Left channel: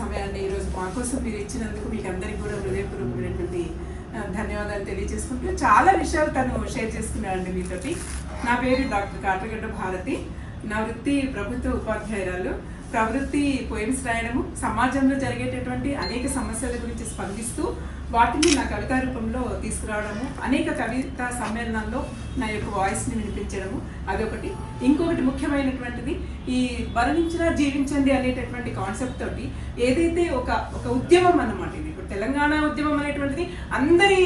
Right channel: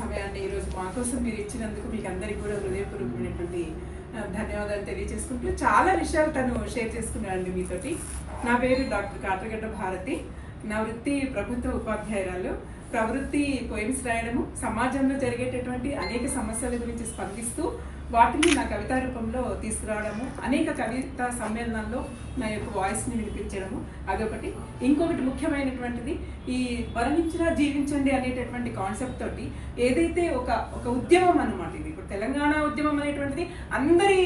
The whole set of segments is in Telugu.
సమయాన్ని ఈరోజు మా కోసం మీరు ఇచ్చినందుకు మీకు అందరికీ కూడా హృదయపూర్వకమైనటువంటి ధన్యవాదాలు తెలియజేసుకుంటూ చాలా విషయాలు తను షేర్ చేసుకున్నాడండి మీతోటి. నా పేరు డాక్టర్ కాటగడ్డ భారతి. నా వృత్తి ప్రభుత్వ ఉపాధ్యాయురాలు. ప్రవృత్తి పోయిమ్స్ రాయడము సమాజంలో జరిగేటటువంటి అనేక సమస్యల గురించి స్పందిస్తూ వాటిని నా కవితా రూపంలో తీసుకురావడము అనేక కవితా సమ్మేళనాల్లో నా యొక్క వాయిస్ని వినిపించడము అదొకటి. ఇంకొకటి ముఖ్యమైనటువంటిది ఈ మరణించినా జీవించండి అనేటటువంటి కాన్సెప్ట్ తోటి ఏదైతే ఒక ఒక ఉద్యమం అన్నమాట ఇది. ఇప్పుడు తెలంగాణ ఉద్యమం అనేటువంటిది అందరి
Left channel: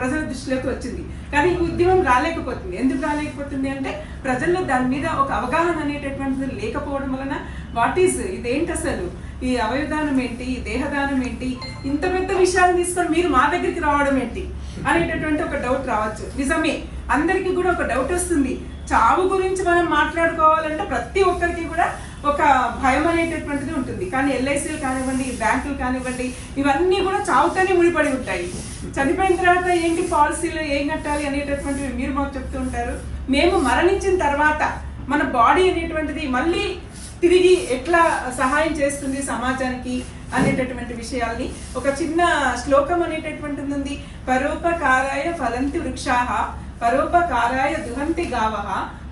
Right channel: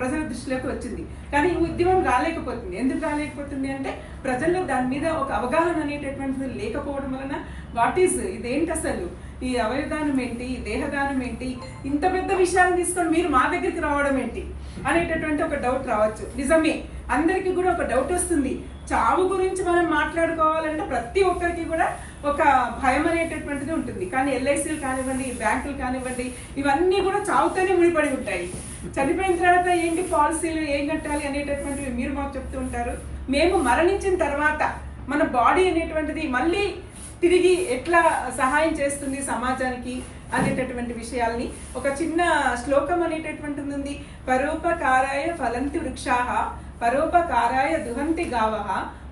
ప్రజల దృష్టిలోకి వచ్చింది. కానీ ఈ ఉద్యమం రాలేకపోతుంది. ఎందుకు రాలేకపోతుంది అంటే ప్రజల్లో దాని మీద ఒక అవగాహన అనేటటువంటిది లేకపోవడం వలన వాట్ ఈజ్ ఇదేంటి అసలు? ఈ అవయవదానం ఏంటి? ఈ దేహదానం ఏంటి? ఇంత పెద్ద విషయాలు తీసుకొని మీరు మా దగ్గరికి రావడం ఏంటి? అనేటటువంటి ఒక డౌట్ రావచ్చు. నిజమే. అందరికీ కూడా ఒక డౌట్ వస్తుంది. చావు గురించి మనం మాట్లాడుకోవాలంటే ప్రతి ఒక్కరికి కూడా ఒక భయం అనేటటువంటిది ఉంటుంది. కానీ ఎల్ఐసీలు కానివ్వండి బ్యాంకులు కానివ్వండి ఇవన్నీ కూడా చావుతోనే ముడిపడి ఉంటాయి. చనిపోయిన తర్వాత ఏంటి పాలసీలు ఏం కట్టాలి అనేటటువంటివి మీరు మాకు చెప్తూ ఉంటారు. మేము మరణించిన తర్వాత మన బాడీ అనేటువంటిది మళ్ళీ తిరిగి ఎట్లా సహాయం చేస్తుంది సమాజానికి అనేటటువంటి విషయాల్ని. ఒక చిన్న శ్లోకం అనేటటువంటిది ఉంది. పరోపకారాయ ఫలంతి వృక్షాహ పరోపకారాయ దుహంతి గావహ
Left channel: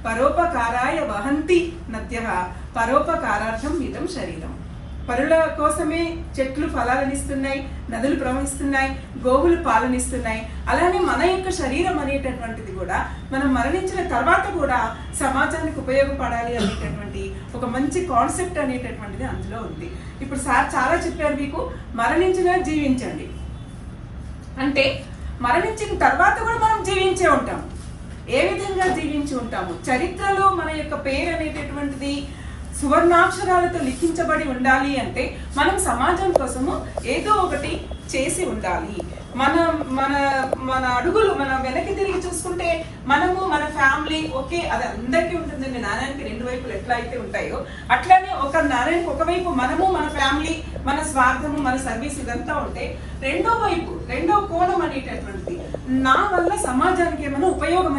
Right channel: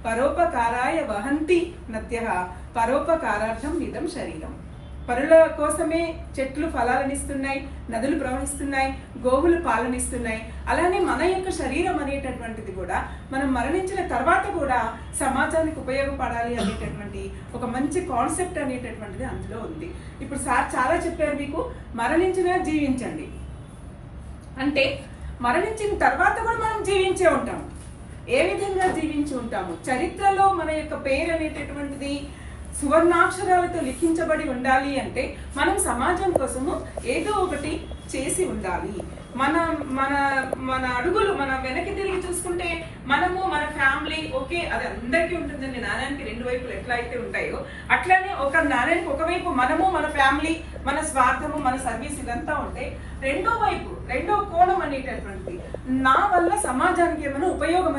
పరోపకారాయ వహంతి నత్య పరోపకారార్థం ఇదం శరీరం. పరుల కోసమే చెట్లు ఫలాలనిస్తున్నాయి నదులు ప్రవహిస్తున్నాయి గోవులు పాలనిస్తున్నాయి. అలానే మన యొక్క శరీరం అనేటటువంటిది కూడా మనం మరణించిన తర్వాత కూడా సమాజానికి ఉపయోగపడాలి అనేటటువంటి ఒక మంచి కాన్సెప్ట్ అనేటటువంటిది అందులో ఉంది. ఇప్పుడు సార్ చాలా చెప్పారు మీకు మరణించినా జీవించండి. అంటే మరణించిన తర్వాత కూడా మనం జీవించే ఉంటాం. ఏ విధంగా జీవించి ఉంటాము? చరిత్రలో మన యొక్క పేరు అనేటటువంటిది సువర్ణాక్షరాలతో లిఖించబడి ఉండాలి అంటే మనం సమాజం కోసము ఏదో ఒకటి చేసి ఉండాలి. మన మన మన అడుగులు మన వెనక్కి తిరిగి చూసుకుంటే మనము మన ఫ్యామిలీ ఓకే అది అందరికీ ఉంటుందండి. నారాయణకి రెండు వైపులు ఎట్లా అయితే ఉంటాయో అట్లానే ఒక నారాయణకి ఒకవైపు మనము మన ఫ్యామిలీ మన స్వార్థము మన సర్వీస్ ఇదంతా ఉంటే రెండో వైపు రెండో కోణం అనేటటువంటిది. నా వల్ల సమాజానికి ఏమైనా ఉపయోగం